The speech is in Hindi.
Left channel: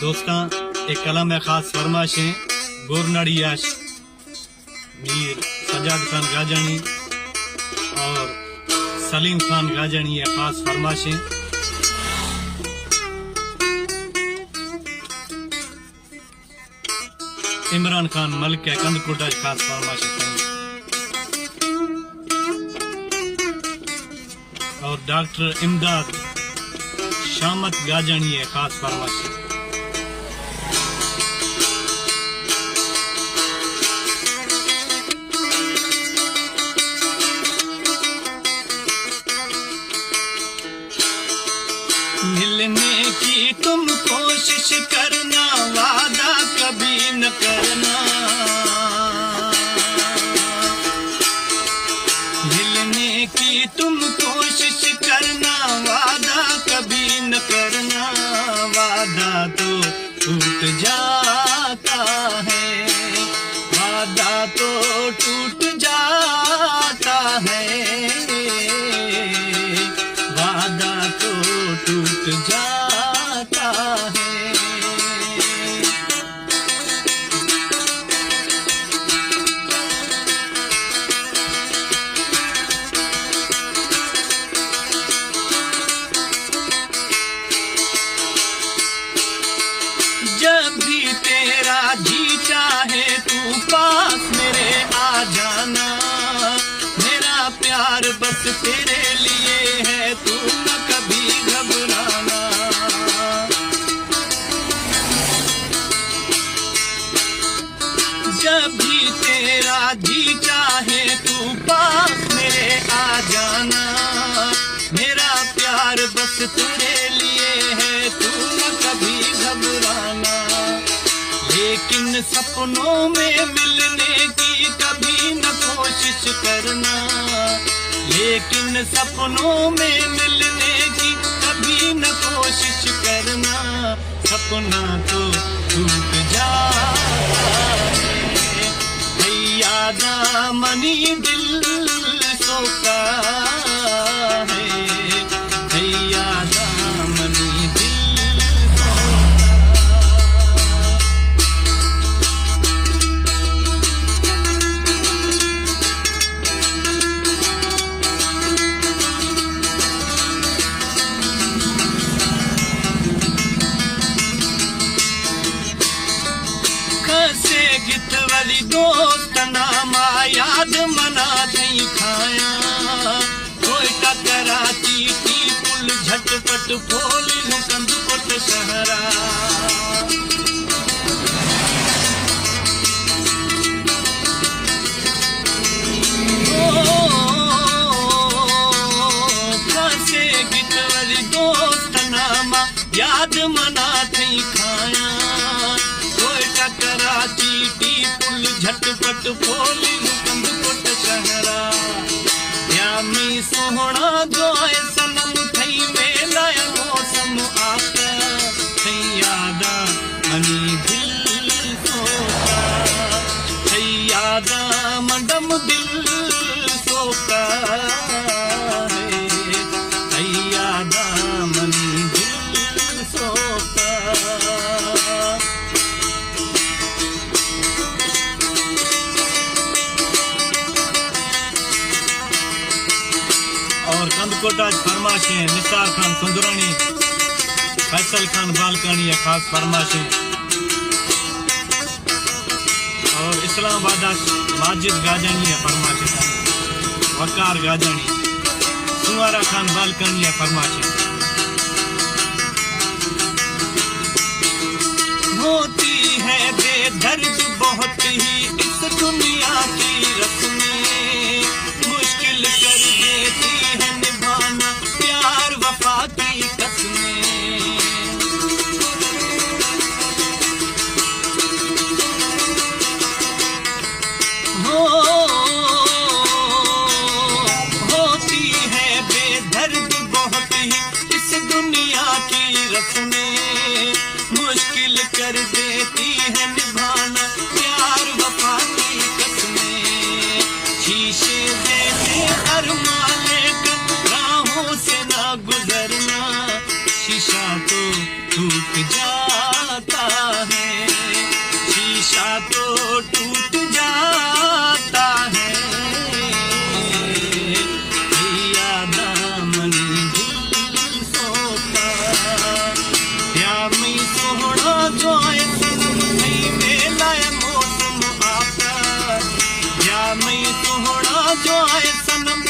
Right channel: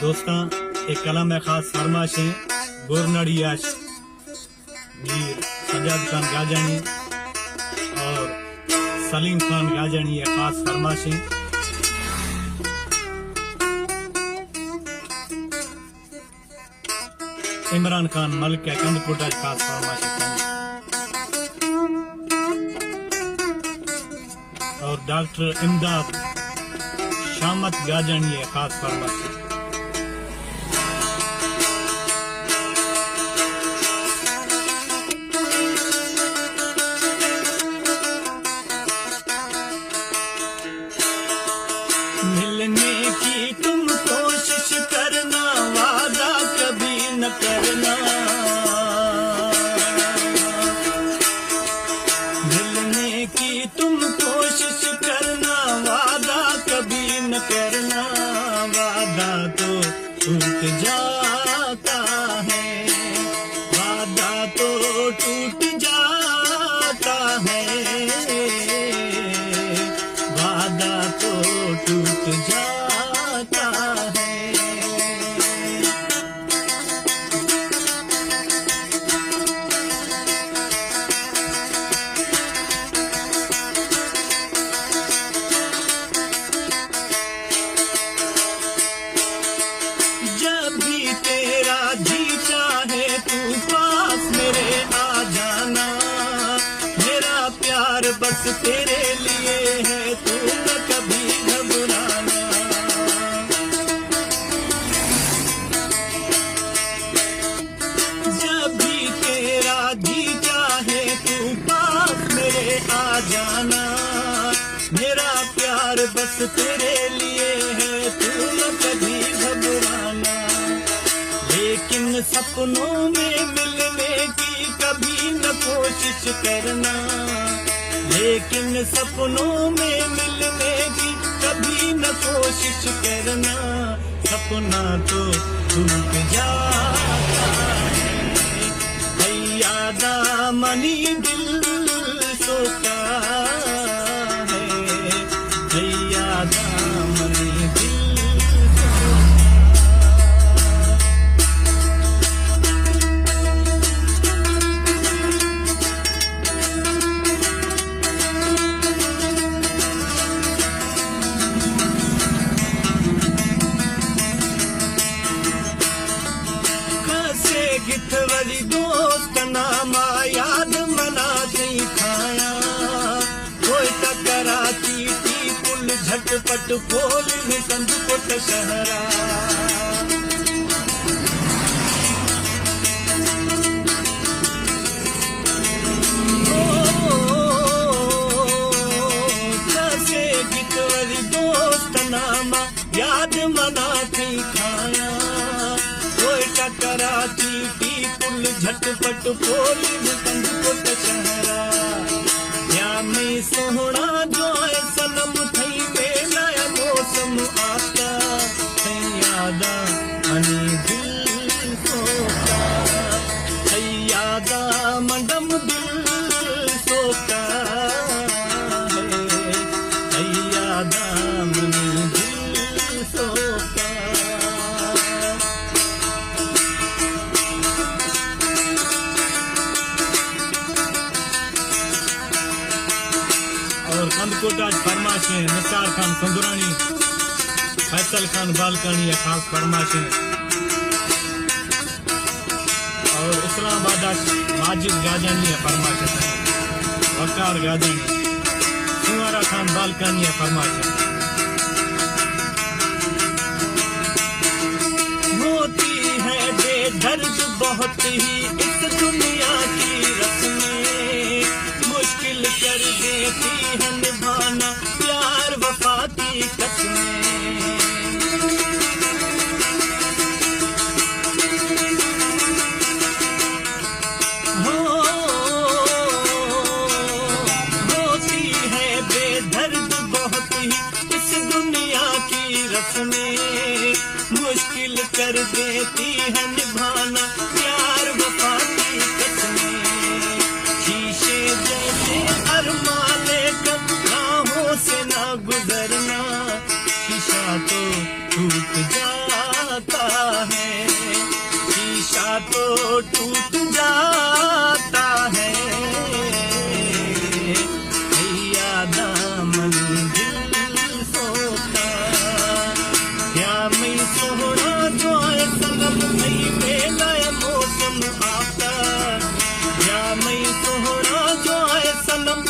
दोस्तां एक कलम है खास फरमाशें गोरनड़ियाश मीर सजाद खान गाजानी और सलीम खान गाजानी है खास फरमाशें। इमरान खान मलिक है कंदकोटा खास फरमाशें और डॉक्टर इमदाद शामत गाजानी है खास फरमाशें। मिलने की तुम कोशिश करना, वादा कभी न करना। मिलने की तुम कोशिश करना, वादा कभी न करना। वादा तो टूट जाता है, वादा तो टूट जाता है, वादा तो टूट जाता है। जब भी तेरा जी चाहे तू पास मेरे आ जाना। मेरा प्यार बस तेरे लिए है, तू न कभी घबराना। जब भी तेरा जी चाहे तू पास मेरे आ जाना। मेरा प्यार बस तेरे लिए है, तू न कभी घबराना। लेकिन सपनों में मिलने की कभी न कोशिश करना। लेकिन सपनों में मिलने की कभी न कोशिश करना। सपना तो टूट जाता है, यादा मनी दिल सोता है, यादा मनी दिल गित वाली दोस्त नामा याद मना थी खाया। कोयटा कराची टी पुल झटपट फोल कंदकोट शहरा। कैसे गित वाली दोस्त नामा याद मना थी खाया। कोयटा कराची टी पुल झटपट फोल कंदकोट शहरा। यामी सोहना जो सनम थई वेलाया मौसम आका। थई यादा मनी दिल सोता, थई यादा मंडम दिल सोता है, थई यादा मनी दिल सोता। और कंदकोटा फरमाशें निसार खान सुंदरानी, फैसल खान बालकानी खास फरमाशें और इस्लामाबाद माजिद गाजानी फरमाशें। वकार गाजानी, सुवारा खान बालकानी फरमाशें। होती है बेदर्द बहुत ही इस दुनिया की रस्में। मुश्किल कर देती है निभाना प्यार वफा की कसमें। होती है बेदर्द बहुत ही इस दुनिया की रस्में। मुश्किल कर देती है निभाना प्यार वफा की कसमें। शीशे जैसे अरमान लेकर राहों से ना गुजरना। शीशा तो टूट जाता है, शीशा तो टूट जाता है, यादा मन दिल सोता। या मैं सोहना जो आए सनम नहीं मेला मौसम आता, या मैं सोहना जो आए सनम